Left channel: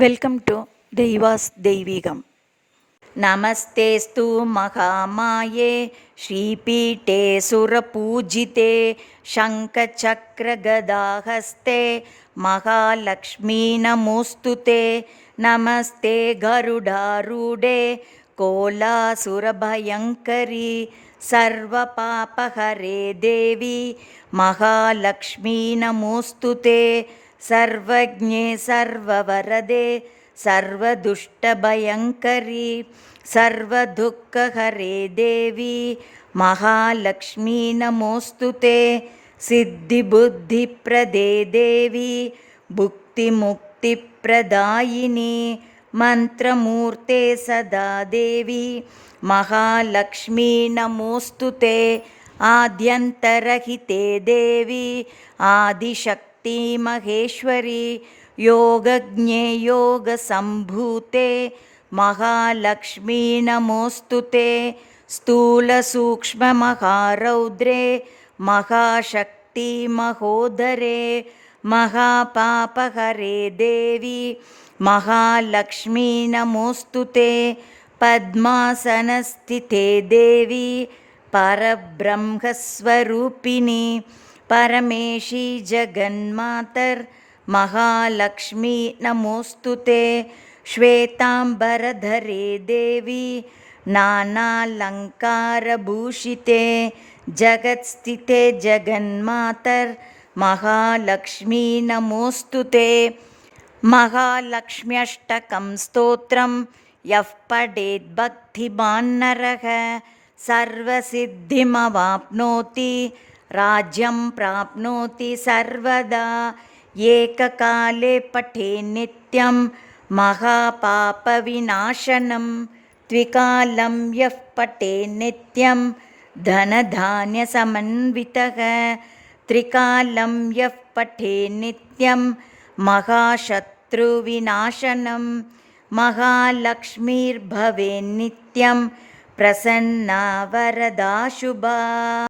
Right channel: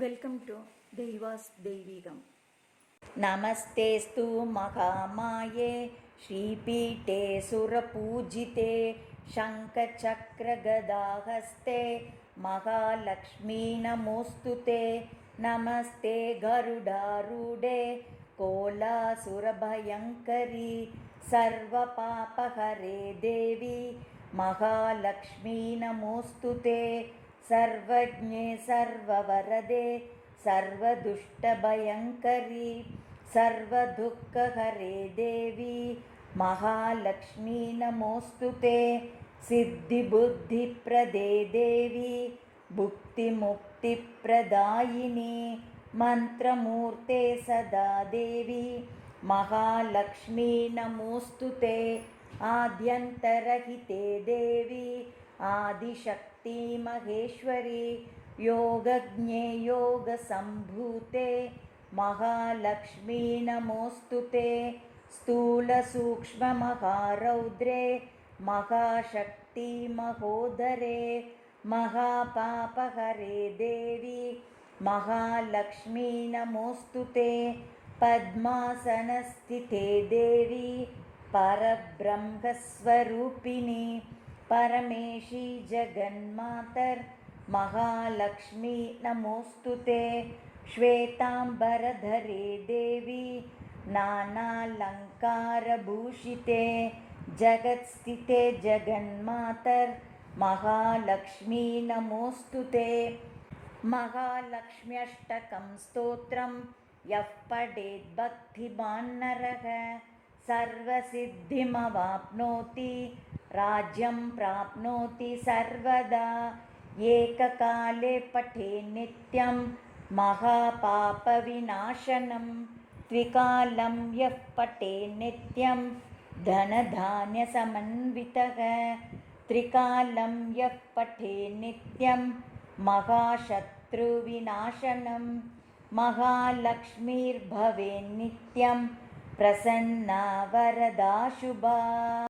Welcome to దైవాస్ దైవీగం. నమస్తేస్తు మహామాయే శ్రీపీఠే సురపూజితే శంఖచక్రగదాహస్తే మహాలక్ష్మీ నమోస్తుతే. నమస్తే గరుడారూఢే కోలాసురభయంకరీ సర్వపాపహరే దేవి మహాలక్ష్మీ నమోస్తుతే. सर्वज्ञे सर्ववरदे सर्वदुष्टभयङ्करी सर्वदुःखहरे देवी महालक्ष्मी नमोस्तुते. सिद्धिबुद्धिप्रदे देवी भुक्तिमुक्तिप्रदायिनी मन्त्रमूर्ते सदा देवी महालक्ष्मी नमोस्तुते. आद्यन्तरहिते देवी आदिशक्ति महेश्वरी योगज्ञे योगसम्भूते महालक्ष्मी नमोस्तुते. स्थूलसूक्ष्ममहारौद्रे महाशक्ति महोदरे महापापहरे देवी महालक्ष्मी नमोस्तुते. पद्मासनस्थिते देवी परब्रह्मस्वरूपिणी परमेशी जगन्मातर् महालक्ष्मी नमोस्तुते. श्वेतांबरधरे देवी नानालंकारभूषिते जगत्स्थिते जगन्मातर् महालक्ष्मी नमोस्तुते. महालक्ष्म्यष्टकं स्तोत्रं यः पठेत् भक्तिमान् नरः सर्वसिद्धिमवाप्नोति राज्यं प्राप्नोति सर्वदा. एककाले पठे नित्यं महापापविनाशनं द्विकालं यः पठे नित्यं धनधान्यसमन्वितः त्रिकालं यः पठे नित्यं महाशत्रुविनाशनं महालक्ष्मीर्भवेन्नित्यं प्रसन्ना वरदा शुभा.